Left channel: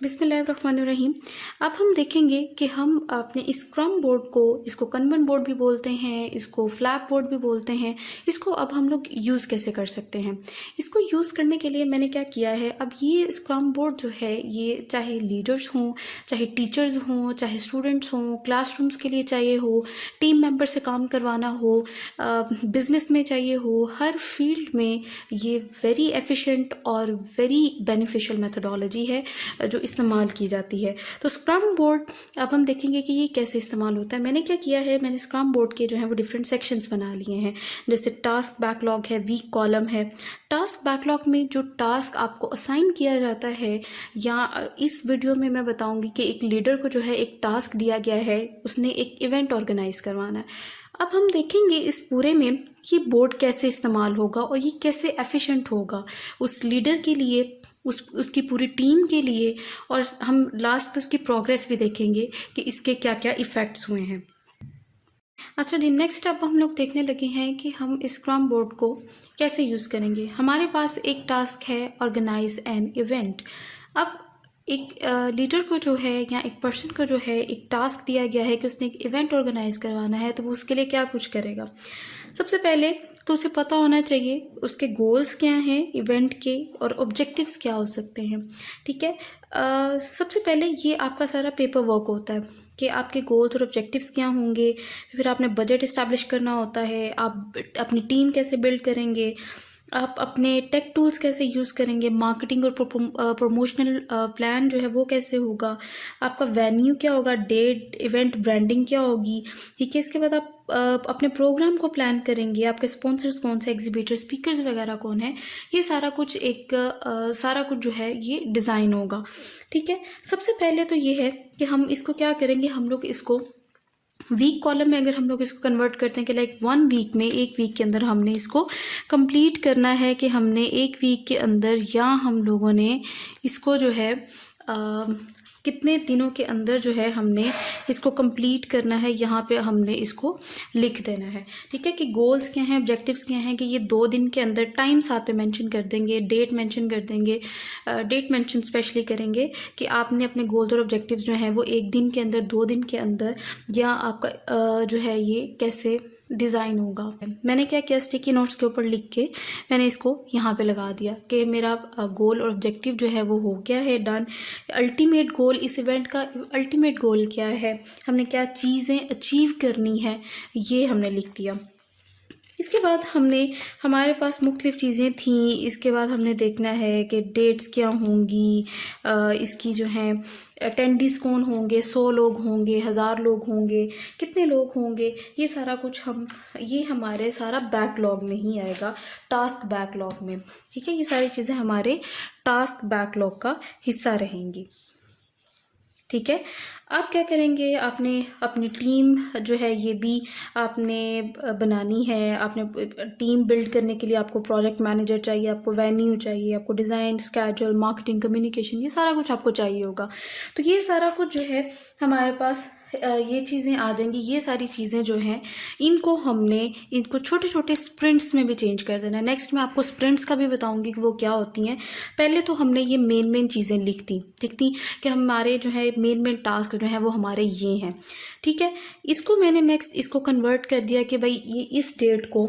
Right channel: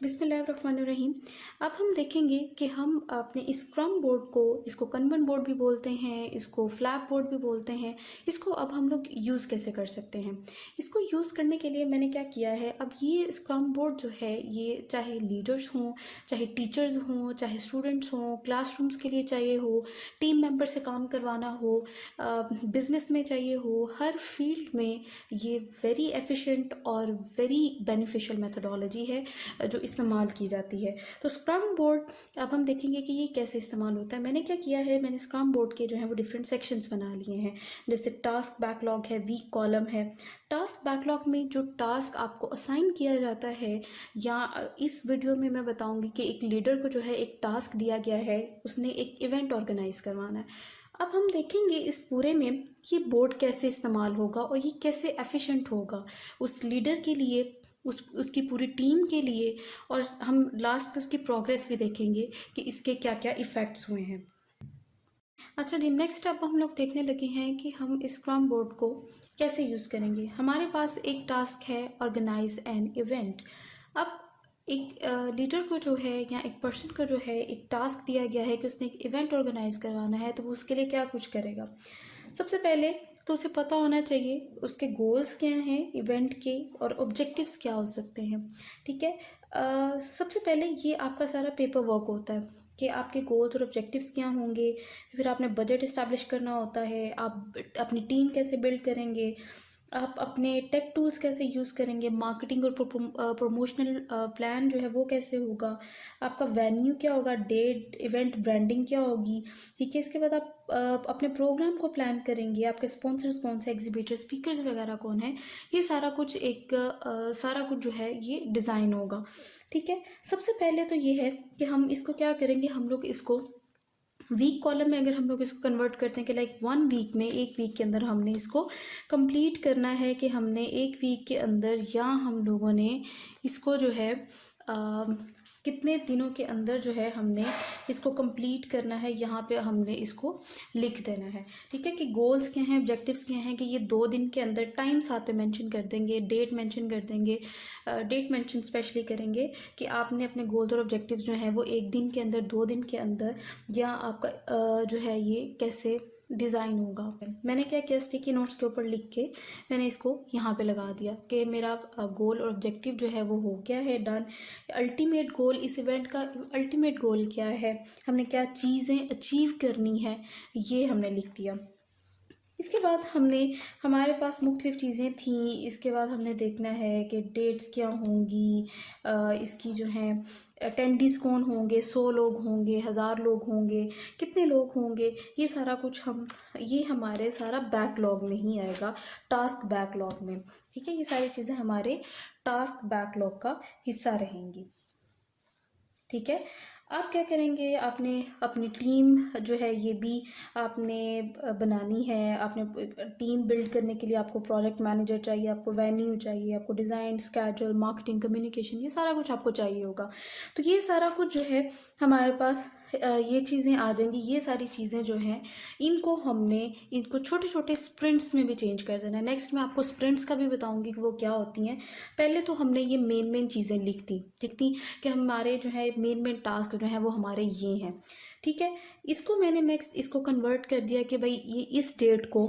बिस्मिल्लाहिर्रहमानिर्रहीम। अब हम देखेंगे कि हम अपने स्क्रम बोर्ड को, इसको कनवन बोर्ड भी बोलते हैं, इसको फ्लैप बोर्ड भी बोलते हैं, इसको अब हम लोग यूज़ कैसे कर सकते हैं। इसको यूज़ करने के लिए मैंने क्या किया है, अब ये स्क्रम बोर्ड जो है ये चाहे लीडर्स हों, चाहे टीचर्स हों, चाहे स्टूडेंट्स हों, क्लासरूम्स के लिए चाहिए हो, टीम मेंबर से काम करवाना हो, बिज़नेस में चाहिए हो, हर फील्ड में ये वेरी एफिशिएंट और वेरी बेनिफिशियल मेथडोलॉजी है जो इस्तेमाल की जाती है। तो स्क्रम बोर्ड अब हम देखेंगे कि ये कैसे इस्तेमाल होता है। मैंने क्या किया है, मैंने स्क्रम बोर्ड के जो है वो डिफरेंट सेक्शंस बना लिए हैं। जैसे टास्क बैकलॉग है, वीक कॉलम है। टास्क बैकलॉग में जो टास्क आपको असाइन किया जाता है, या इस वीडियो में मैं बताऊंगी कि एक लीडर को जो है एक टास्क दिया गया है, उसने एक इवेंट ऑर्गेनाइज करवाना है। अब हम देखेंगे इस पूरे में कि बोर्ड कैसे इस्तेमाल होगा और ये कैसे एफिशिएंट होगा उस लीडर के लिए, उसकी पूरी टीम के लिए, और हम लास्ट पे उसकी प्रोग्रेस भी देखेंगे कि इसके क्या क्या इफ़ेक्ट्स हुए हैं। अच्छा जी, नेक्स्ट अब हम लोग देखने लगे हैं कि हम स्क्रम बोर्ड को कैसे यूज़ करेंगे। हमारे पास एक टास्क है, ऑर्गेनाइज एन इवेंट। अब एक लीडर को जो है या एक पर्सन को जो है एक टास्क दिया गया है कि उसने एक इवेंट ऑर्गेनाइज करवाना है, तो वो उसके लिए क्या कुछ करेगा। सबसे पहले तो उसे पता होना चाहिए उसके गोल्स क्या हैं इवेंट के, और ऑब्जेक्टिव्स क्या हो सकते हैं। ठीक है, सबसे पहले ये आपका सारा पेपर वर्क होता है कि आपके गोल्स और ऑब्जेक्टिव्स क्या होंगे। फिर आपने बजट इस्टेब्लिश करना होता है, आप अपनी टीम कैसे बिल्ड करेंगे, आप अपने टेक टूल्स कैसे यूज़ करेंगे, मार्केटिंग और प्रमोशनल प्लान जो है वो कैसे होगा, आपका वेन्यू क्या होगा, डेट, इवेंट ब्रांडिंग क्या होगी। ठीक है, इसके बाद आप अपने प्रोग्राम को प्लान करेंगे, आपके स्पॉन्सर्स कौन से, एग्जीबिटर, स्पीकर्स वगैरह कौन है। ये सारा कुछ सारा कुछ जो है ये डिज़ाइन होगा। ठीक है, सबसे पहले तो ये है कि हम इसको क्या करेंगे, हम लोग इसको वीक कॉलम में अगर हम लोग इसको कन्वर्ट करते हैं कि लाइक 1 वीक में, एक वीक के अंदर हमने इसको कंप्लीट करना है, कि हमने एक वीक के अंदर या हम लोगों ने इसको जो है कितने दिनों के अंदर जो है हमने इसको कंप्लीट करना है, यहाँ पे हमने इसको लिख देना है। ठीक है, कि गोल्स क्या हैं, ऑब्जेक्टिव्स क्या हैं, कि ये 2 दिन के अंदर, टाइम साथ पे मेंशन कर देंगे, डेट मेंशन कर देंगे, डेट मेंशन स्पेशली करेंगे कि आपने अपने गोल्स और ऑब्जेक्टिव्स जो हैं वो 1 दिन के अंदर, 2 दिन के अंदर, या आपका जो है ये कैसे डिज़ाइन होगा। मैंने क्या किया, स्टिकी नोट्स के ऊपर लिख के मैंने इसको यहाँ पे लगा दिया कि मेरा गोल और ऑब्जेक्टिव जो है वो हो गया है, डन। अल्टीमेट गोल, इस इवेंट का अल्टीमेट गोल क्या है, हमने क्या चीज़ें अचीव करनी है, ये हमने लिख दिया। इसके बाद हमारे पास मुख्तलिफ़ चीज़ें थीं। इसके बाद हमने देखना है कि डेट्स क्या होंगी, इसकी जो हैं अटेंडीज़ कौन होंगे, 100 लोग होंगे, 1000 लोग होंगे, कितने लोग होंगे, ये सारा कुछ ये हमारे सारा बैकलॉग में ही आएगा, टास्क बैकलॉग में। ठीक है, ये सारी चीज़ें हमारे टास्क बैकलॉग का हिस्सा रहेंगी। ठीक है, आप क्या करेंगे, आपने अपनी टीम जो है ये भी आपने बनानी है। आपने टीम बिल्ड करने के लिए आपको प्रोजेक्ट मैनेजर चाहिए, आपको वेन्यू चाहिए, आपको डिज़ाइन, स्केड्यूल, मार्केटिंग, कम्युनिकेशन, ये सारा कुछ आपको चाहिए होगा। तो ये सारा कुछ जो है हमारे पास ये चीज़ें आ जाएंगी। ये सारी चीज़ें जो हैं इनको छोटे छोटे स्प्रिंट्स में भी चेंज कर देना है। नेक्स्ट मैं आपको स्प्रिंट्स का भी बताऊंगी कि वो क्या होती हैं। पहले तो हमने ये मेन चीज़ें लिख दी कि हमारे जो है मेन टास्क जो है वो हमारे ये हैं। ठीक है, इसको मैंने नेक्स्ट इसको कन्वर्ट कर दिया कि भाई ये इस डेट को,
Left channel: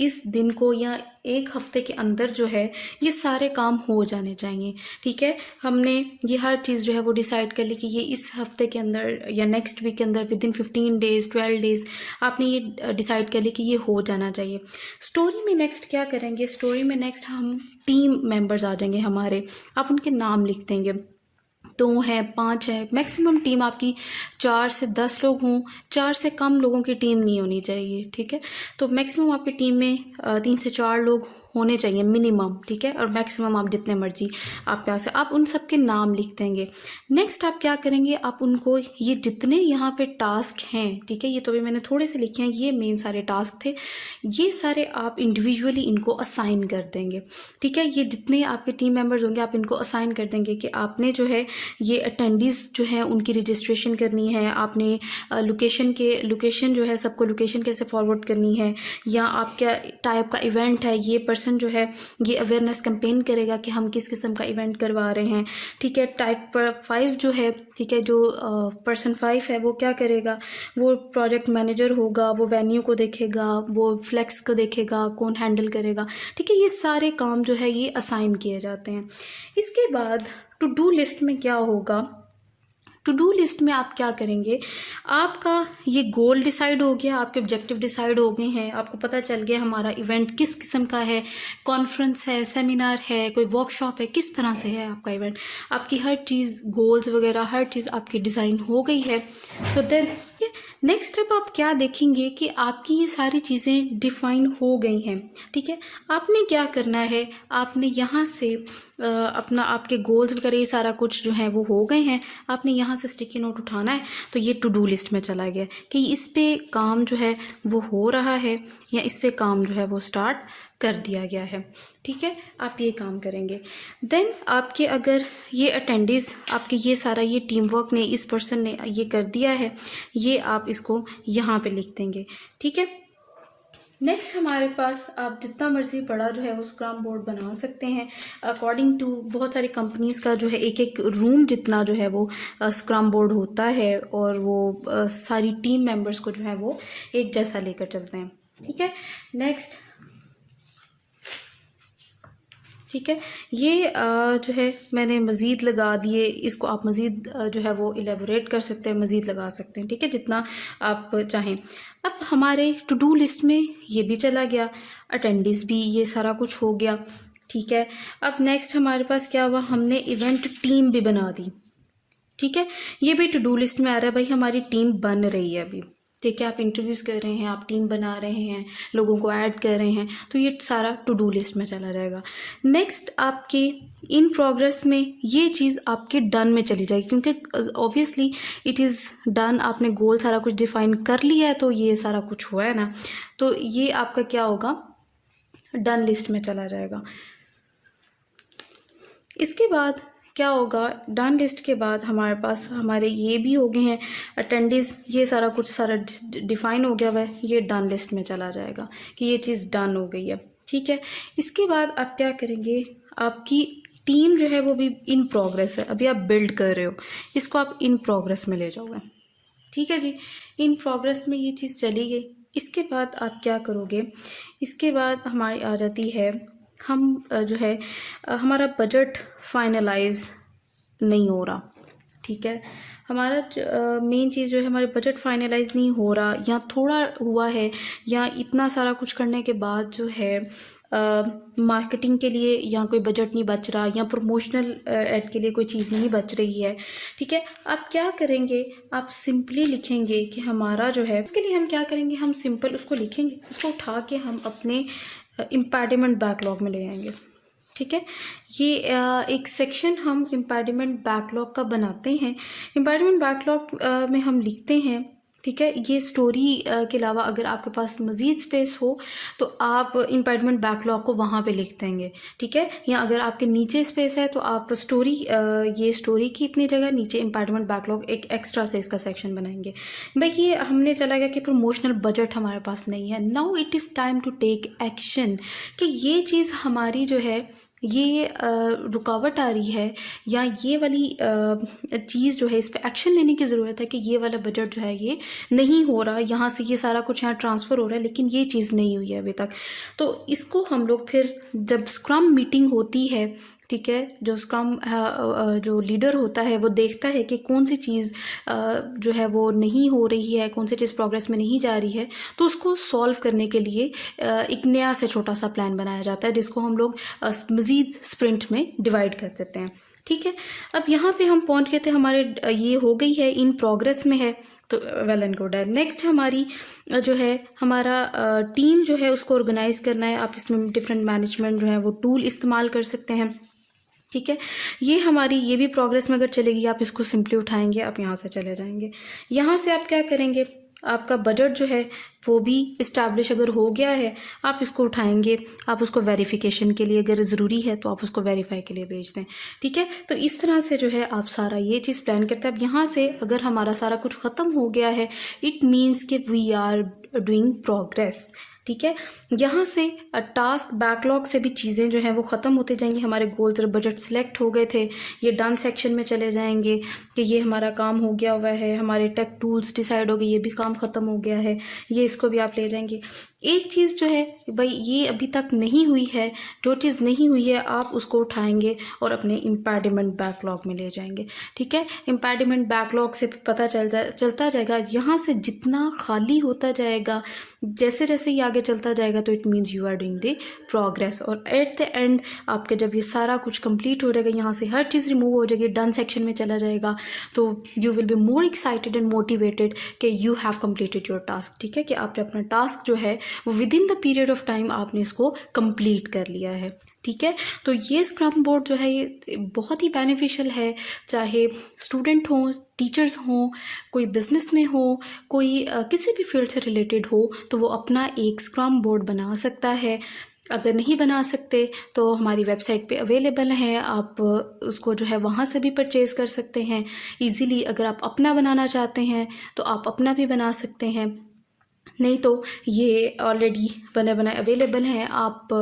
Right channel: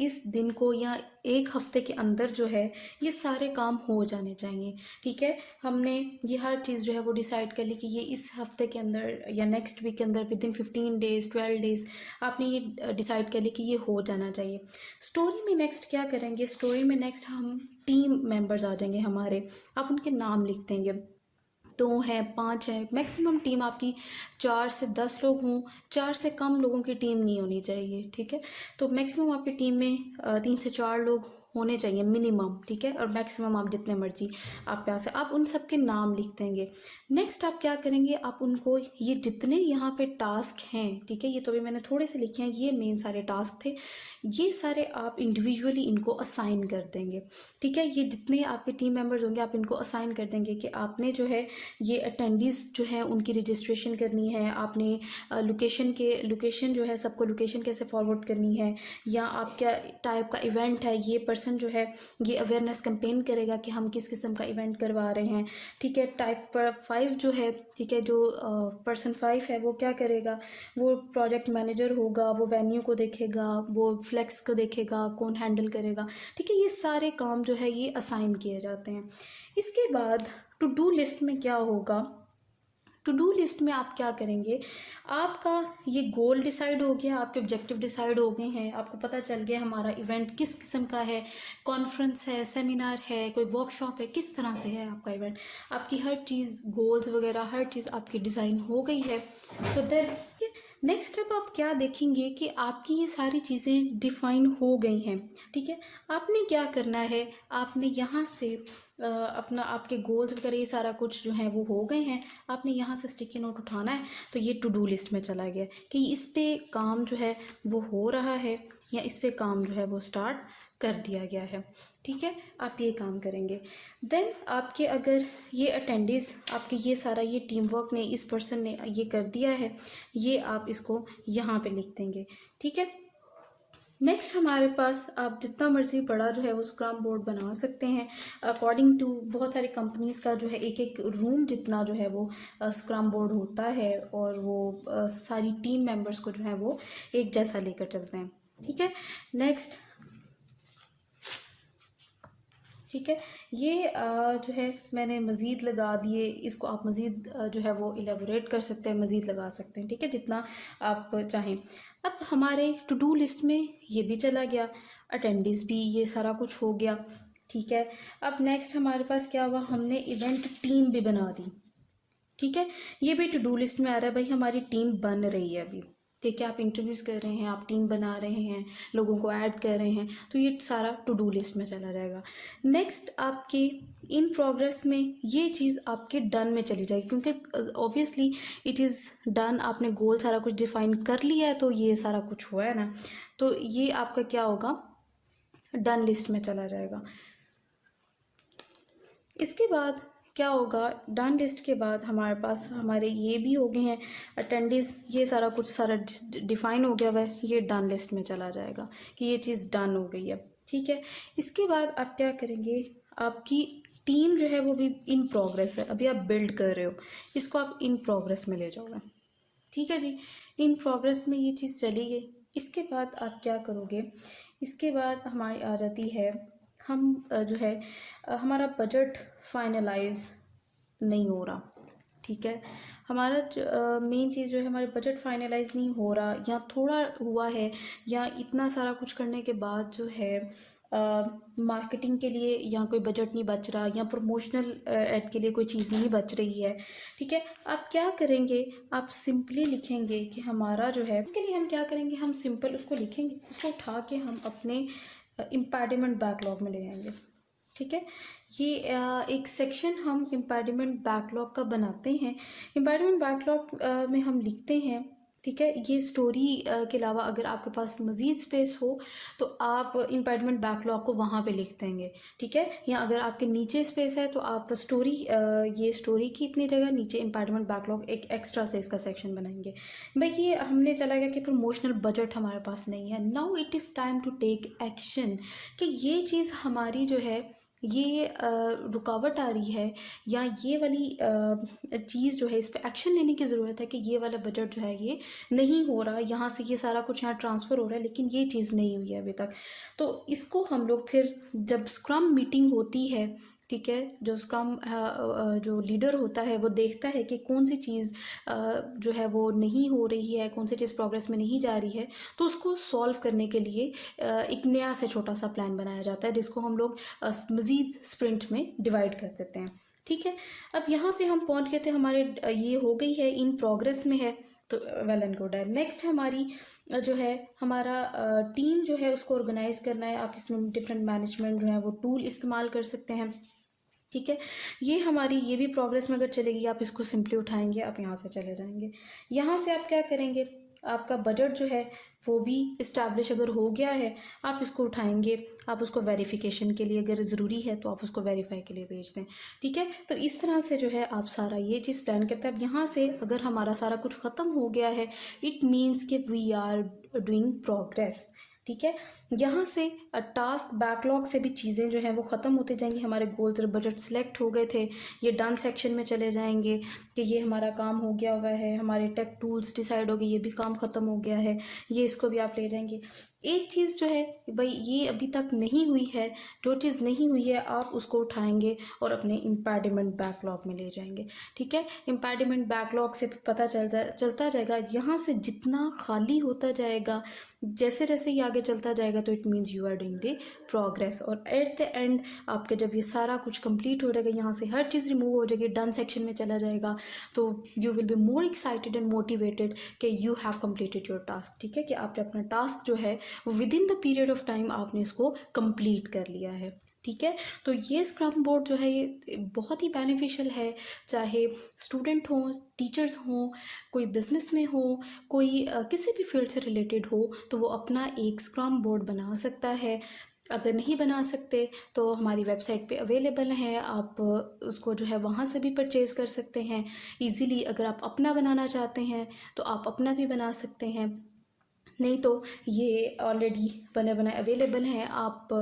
इस दिन को, या एक हफ्ते के अंदर जो है ये सारे काम हो जाने चाहिए। ठीक है, हमने ये हर चीज़ जो है वो डिसाइड कर ली कि ये इस हफ्ते के अंदर या नेक्स्ट वीक के अंदर, विद इन 15 डेज़, 12 डेज़ आपने ये डिसाइड कर ली कि ये हो जाना चाहिए। स्टोरी में नेक्स्ट क्या करेंगे, स्टोरी में नेक्स्ट हम टीम मेंबर्स आ जाएंगे हमारे, आप उनके नाम लिख देंगे। 2 हैं, 5 हैं, मैक्सिमम टीम आपकी 4 से 10 लोग हों, 4 से कम लोगों की टीम नहीं होनी चाहिए। ठीक है, तो मैक्सिमम आपकी टीम में 3 से 4 लोग होने चाहिए मिनिमम। ठीक है, और मैक्सिमम आप जितने मर्जी आप प्यार से आप उन सब के नाम लिख देंगे। नेक्स्ट आप क्या करेंगे, आप उनको ये जितने यहाँ पे टास्क हैं, ठीक है, ये तो अभी मैंने थोड़े से लिखे हैं, ये मेन सारे टास्क थे, ये सारे आप इंडिविजुअली इनको असाइन कर देंगे। ठीक है, ये जितने आपके टीम मेंबर्स होंगे आप इनको असाइन कर देंगे कि आपने जो है ये अटेंडीज़ जो हैं उनकी रजिस्ट्रेशन करनी है, आपने लोकेशन जो है सबको लोकेशन कैसे फॉरवर्ड करनी है, या आप क्या टाइप का इवेंट है, ये पर्सन पर्सन जो है ये अवेयरनेस कैंपेन करेगा कि हम किस किस्म का इवेंट करवा रहे हैं। ठीक है, टाइप 5 जो है, ठीक है, जो पर्सन 5 है वो क्या करेगा, वो प्रोजेक्ट मैनेजर होगा, वो वेन्यू को देखेगा, वो फ्लेक्स को देखेगा, कौन हैंडल करेगा। ठीक है, ये सारे काम जो है ये असाइन किए जाते हैं। इसके बाद टू डू लिस्ट में क्या होगा, टू डू लिस्ट में आप क्या करेंगे, आपका ये गोल डिसाइड हो गया, आपके ऑब्जेक्टिव डिसाइड हो गए हैं, आपको पता चल गया हमारा इवेंट किस किस्म का है, कॉन्फ्रेंस है, सेमिनार है, कोई वर्कशॉप है, किस तरह से है आपका इवेंट, आपकी हर चीज़ गोल्स वगैरह हर चीज़ आपकी डिज़ाइन हो गई है। तो देन नेक्स्ट स्टेप आप क्या देखेंगे कि आपकी ये सारी चीज़ें डिफाइन हो गई हैं। ठीक है, आपने क्या करना है, आपने यहाँ से अपना आपके गोल्स वगैरह ये सारा कुछ जो है वो हो गए हैं, आपने यहाँ से स्टिकी नोट उठाना है, तो ये टू डू लिस्ट में चला गया कि इस पे काम जो है वो हो रहा है या इस पे काम जो है वो स्टार्ट कर दिया गया है। ठीक है, आप ये काम करेंगे। देन आपके अगर ये अटेंडीज़ आपके ये सारा ये टीम वर्क ने इस पर्सन ने ये कर दिया है, ये आप इसको यहाँ पे लिख देंगे। ठीक है, नेक्स्ट हमारे पास आप जितना मर्ज़ी बड़ा जो है वो स्क्रम बोर्ड बना सकते हैं। अकॉर्डिंग टू बहुत सारी कंपनीज़ का जो है एक एक रूम जितना जो है वो स्क्रम बोर्ड होता है, और वो सारी टीम मेंबर्स को जो है वो एक जैसा लेकर चलते हैं। ठीक है, नेक्स्ट, ठीक है, ये जो है मैंने मज़ीद लगा दिए, इसको आप मज़ीद जो है वो एलेबोरेट कर सकते हैं, मज़ीद लगा सकते हैं। ठीक है, जितना आप चाहें। अब हमारे टू डू लिस्ट में ये भी चला गया, अटेंडेंस भी, ये सारा कुछ हो गया। ठीक है, अब नेक्स्ट हमारे पास क्या हुआ, हमने इवेंट टीम भी बना दी। ठीक है, ये भी टू डू लिस्ट में आ रहा है, भाई हमारी टीम बन रही है अभी। ठीक है, आप इंटरव्यूज़ कर रहे हैं, आप टीम बना रहे हैं, लोगों को ऐड कर रहे हैं, तो ये सारा टू डू लिस्ट में चला जाएगा। नेक्स्ट आपके इन प्रोग्रेस में ये चीज़ आपके डन में चली जाएगी, क्योंकि ऑब्वियसली इट इज़ डन, आपने गोल सारा कुछ डिफाइन कर लिया है, तो ये सारा कुछ हुआ है ना, तो ये आपका क्या होगा, डन लिस्ट में चला जाएगा। इसके बाद क्या होगा, डन लिस्ट के बाद हमारे पास हमारे ये भी हो गए हैं अटेंडीज़, ये सारा कुछ सारा डिफाइन हो गया हुआ है, ये डन लिस्ट में चला जाएगा कि ये चीज़ डन हो गई है। ठीक है, इसके बाद आप क्या करेंगे, आपकी टीम जो है वो भी इन प्रोग्रेस है, अभी आप बिल्ड कर रहे हो, इसको आप इन प्रोग्रेस में ले जाओगे। ठीक है जी, इन प्रोग्रेस में ये चीज़ चली गई। इसके बाद आप क्या करोगे, इसके बाद हमारी आ जाती है, हम जो है हमारा बजट फाइनलाइज नहीं हो रहा। ठीक है, हमारा मेन चीज़ जो है, हमारे बजट फाइनलाइज नहीं हो रहा, या थोड़ा हुआ है, या इतना सारा कुछ करने के बाद जो है मार्केटिंग के लिए या कोई बजट नहीं बच रहा, या प्रमोशनल ऐड के लिए कोई चीज़ नहीं बच रही है। ठीक है, आप क्या करेंगे, आप सिंपली लिखेंगे कि हमारा जो है, इसके लिए हम क्या करेंगे, हम सिंपल उसको लिखेंगे, उसको उठा के हम अपने इम्पैडिमेंट बैकलॉग में ले आएंगे। ठीक है, ये एक सेक्शन हम इम्पैडिमेंट बैकलॉग का बनाते हैं। इम्पैडिमेंट बैकलॉग में हम लिखते हैं, ठीक है, ये स्टोरी के अलावा अगर आपके पास मज़ीद स्पेस हो तो आप इम्पैडिमेंट बैकलॉग को वहाँ पे लिख देंगे। ठीक है, या अगर आपके नीचे स्पेस है तो आप स्टोरी, ये स्टोरी की इतनी जगह नीचे इम्पैडिमेंट बैकलॉग एक एक्स्ट्रा से इसका सेक्शन बनाएंगे। भाई ये हमने चला गया कि प्रमोशनल बजट हमारे पास नहीं है, now it is time to take action, कि ये चीज़ हमारी जो है ये रुकावट आ रही है, या ये वाली चीज़ जो है इस पर एक्शन लेने की ज़रूरत है, कि ये वाला बजट जो है ये नहीं हो रहा, यहाँ से ये सारा कुछ यहाँ ट्रांसफ़र हो रहा है लेकिन ये चीज़ नहीं हुई है अभी तक। तो इसको हम लोग फिर जब स्क्रम मीटिंग होती है, ठीक है, जो स्क्रम जो लीडर होता है वो देखता है कि कौन सी चीज़ जो है वो नहीं हो रही है, कौन सी चीज़ प्रोग्रेस में नहीं जा रही है, तो उसको सॉल्व करने के लिए एक नया से छोटा सा प्लान बनाया जाता है, जिसको हम लोग मज़ीद स्प्रिंट में डिवाइड कर देते हैं। ठीक है, अब यहाँ पे हम पहुँच गए थे, हमारे ये हो गई है, इन प्रोग्रेस में है, तो वेल एंड गुड है। नेक्स्ट हमारी जो है हमारा टीम जो है उसको ऑर्गेनाइज़ करना है। आप इसमें डिफरेंट मैनेजमेंट जो है वो टूल इस्तेमाल कर सकते हैं। ठीक है, ये हमारी ये भी प्रोग्रेस में अगर चलेगी, आप इसको सिंपली उठाएंगे, आप यहाँ से चले जाएंगे। यहाँ से आप क्या करेंगे, आपका बजट जो है वो भी इस्टेब्लिश अगर हो गया है, आप इसको उठाएंगे, आप उसको वेरिफिकेशन के लिए अगर ज़रूरी है तो आप उसको वेरीफाई के लिए भेज दें। ठीक है, तो इस तरह से जो है आप सारा ये चीज़ प्लान करते हैं। अब यहाँ से अगर हमारा सारा कुछ ख़त्म हो गया है, इट मीन्स कि वी आर डूइंग प्रोग्रेस। ठीक है। यहाँ से टास्क बैकलॉग से भी चीज़ें जो हैं वो ख़त्म होते जाएंगी। हमारे गोल्स और बजट सेलेक्ट हो गए थे, ये डन सेक्शन में चले जाएंगे कि ये हमारा काम हो गया हुआ है, हमारे टेक टूल्स डिसाइड हो गए, ये भी काम ख़त्म हो गया है, ये इसको भी आप ले जाएंगे। एक चीज़ जो है भाई ये अभी तक नहीं हुई है, जो चीज़ नहीं हुई है आप उसको उठाएंगे और अपने इम्पैडिमेंट बैकलॉग में ले जाएंगे। ठीक है, इम्पैडिमेंट बैकलॉग से पता चलता जाएगा, यहाँ से जितना खाली होता जाएगा, जैसे जैसे ये आगे चलता जाएगा, तो it means you are doing the progress. और एट द एंड आपके जब ये सारा कुछ कंप्लीट हो जाएगा, यहाँ से हर चीज़ रिमूव हो जाएगी, डन सेक्शन में चला जाएगा, तो you will be more excited and motivated कि you have completed your task. ठीक है, कि आपने अपना टास्क जो है वो within the period of time आपने इसको कंप्लीट कर लिया है। ठीक है, तो ये स्क्रम बोर्ड जो है ये बहुत ही बेनिफिशियल है, चाहे स्टूडेंट हों, टीचर्स हों, कोई बिजनेस में हो, कोई किसी भी फील्ड से रिलेटेड हो, तो वो अपना एक स्क्रम बोर्ड बना सकता है। अगर नहीं बना सकते तो हमारी वेबसाइट पे अवेलेबल है, आप उसको जो है वहाँ से भी परचेज़ कर सकते हैं इजीली। अगर आप अपना बनाना चाहते हैं तो आप अपना भी बना सकते हैं, नहीं तो ये ऑलरेडी बने बनाए अवेलेबल हैं। आप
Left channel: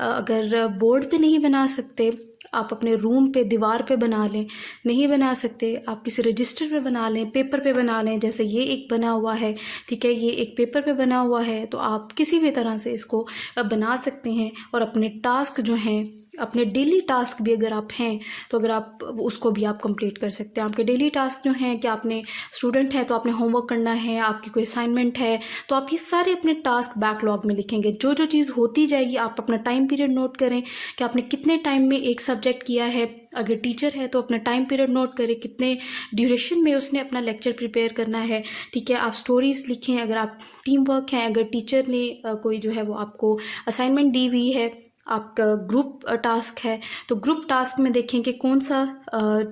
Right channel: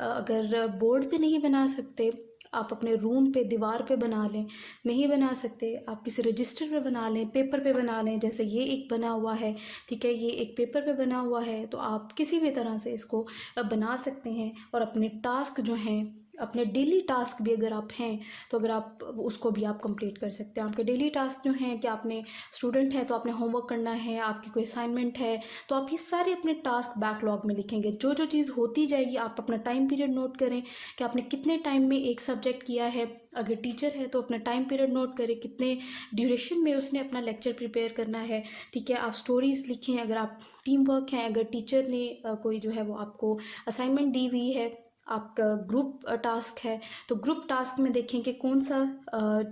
अगर बोर्ड पे नहीं बना सकते, आप अपने रूम पे दीवार पे बना लें, नहीं बना सकते आप किसी रजिस्टर पे बना लें, पेपर पे बना लें, जैसे ये एक बना हुआ है। ठीक है, ये एक पेपर पे बना हुआ है, तो आप किसी भी तरह से इसको बना सकते हैं और अपने टास्क जो हैं, अपने डेली टास्क भी अगर आप हैं तो अगर आप उसको भी आप कंप्लीट कर सकते हैं। आपके डेली टास्क जो हैं कि आपने स्टूडेंट है तो आपने होमवर्क करना है, आपकी कोई असाइनमेंट है, तो आप ये सारे अपने टास्क बैकलॉग में लिखेंगे। जो जो चीज़ होती जाएगी आप अपना टाइम पीरियड नोट करें कि आपने कितने टाइम में एक सब्जेक्ट किया है। अगर टीचर है तो अपना टाइम पीरियड नोट करें, कितने ड्यूरेशन में उसने अपना लेक्चर प्रिपेयर करना है। ठीक है, आप स्टोरीज़ लिखें। अगर आप टीम वर्क हैं, अगर टीचर ने कोई जो है वो आपको असाइनमेंट दी हुई है, आपका ग्रुप टास्क है, तो ग्रुप टास्क में देखें कि कौन सा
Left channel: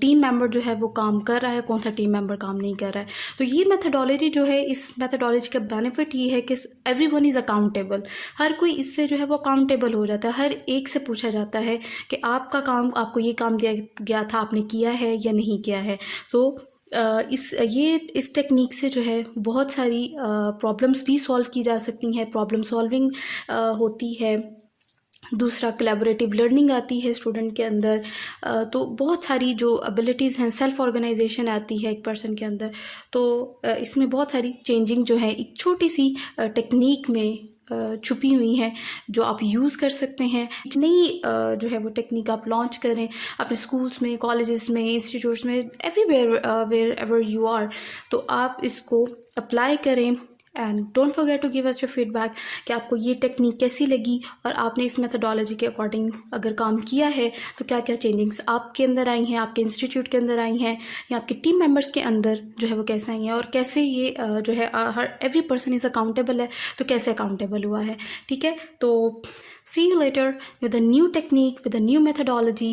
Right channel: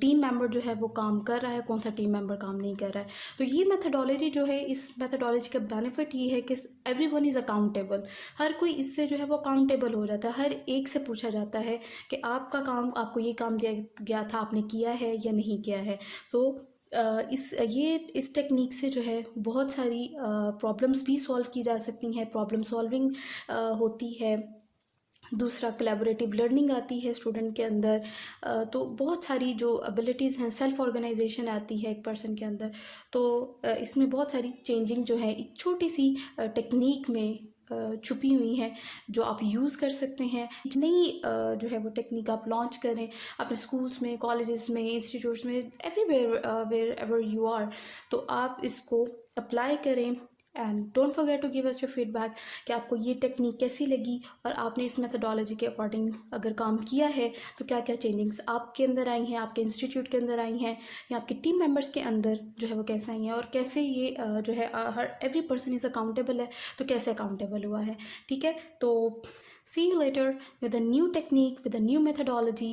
टीम मेंबर जो है वो काम कर रहा है, कौन सा टीम मेंबर काम नहीं कर रहा है। तो ये मेथडोलॉजी जो है, इस मेथडोलॉजी का बेनिफिट ये है कि एवरीवन इज़ अकाउंटेबल। हर कोई इससे जो है वो अकाउंटेबल हो जाता है, हर एक से पूछा जाता है कि आपका काम, आपको ये काम दिया गया था, आपने किया है या नहीं किया है। तो इस टेक्निक से जो है बहुत सारी प्रॉब्लम्स भी सॉल्व की जा सकती हैं, प्रॉब्लम सॉल्विंग होती है। दूसरा, कोलैबोरेटिव लर्निंग आती है स्टूडेंट के अंदर। तो बहुत सारी जो एबिलिटीज़ हैं, सेल्फ ऑर्गेनाइजेशन आती है एक पर्सन के अंदर। तो इसमें बहुत सारी चेंजिंग जो है एक छोटी सी टेक्निक में छुपी हुई हैं, जो आप यूज़ कर सकते हैं। नई जो है वो टेक्निक आप लॉन्च करें अपने स्कूल्स में, कॉलेजेस में, इंस्टीट्यूट्स में, everywhere wherever you are, तो आप इसको अप्लाई करें। And don't forget to give us your feedback कि आपको ये टेक्निक कैसी लगी और आपने इस मेथडोलॉजी के अकॉर्डिंग अगर काम किया है तो क्या क्या चेंजिंग्स आपके अंदर आई हैं, आपके इंस्टीट्यूट के अंदर आई हैं, या आपके टीम मेंबर्स के अंदर जो है वो कैसे आई हैं, और कैसे ये जो है हर एवरी पर्सन इज़ अकाउंटेबल है, तो कैसे अकाउंटेबल हुआ है। ठीक है, तो see you later with a new technique, with a new methodology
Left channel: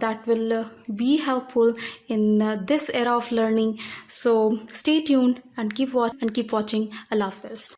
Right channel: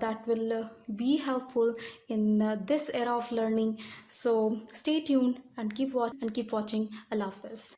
that will be helpful in this era of learning. So stay tuned and keep watching. Allah Hafiz.